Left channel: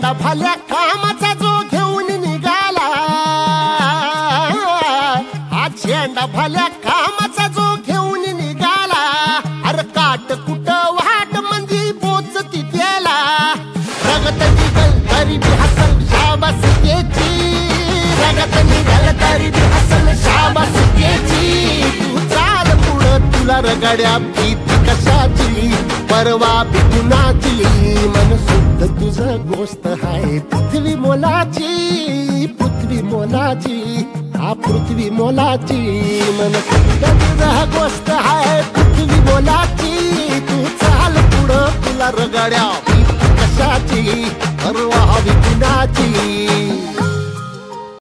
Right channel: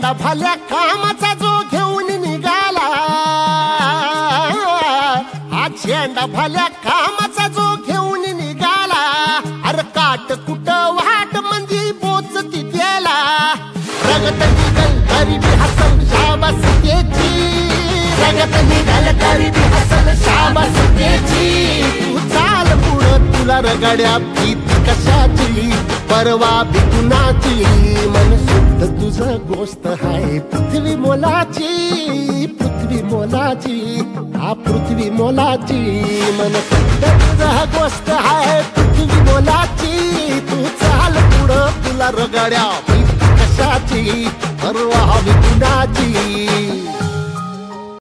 झेंडा भल्या कामाचा जो घेऊन निघाला, हा झेंडा भल्या कामाचा जो घेऊन निघाला, अरे काट कुठं वाट मंदी पोचती त्याला, रगत निघल तरी बी हसल शाबास त्याची, रगत निघल तरी बी हसल शाबास त्याची, तू चाल पुढं तुला रगड्या भीती कशाची, परवा बी कुणाची, मन शुद्ध तुझं गोष्ट हाय पृथ्वी मोलाची, पृथ्वी मोलाची, हा पृथ्वी मोलाची, मन शुद्ध तुझं गोष्ट हाय पृथ्वी मोलाची, तू चाल पुढं तुला रगड्या भीती कशाची, परवा बी कुणाची.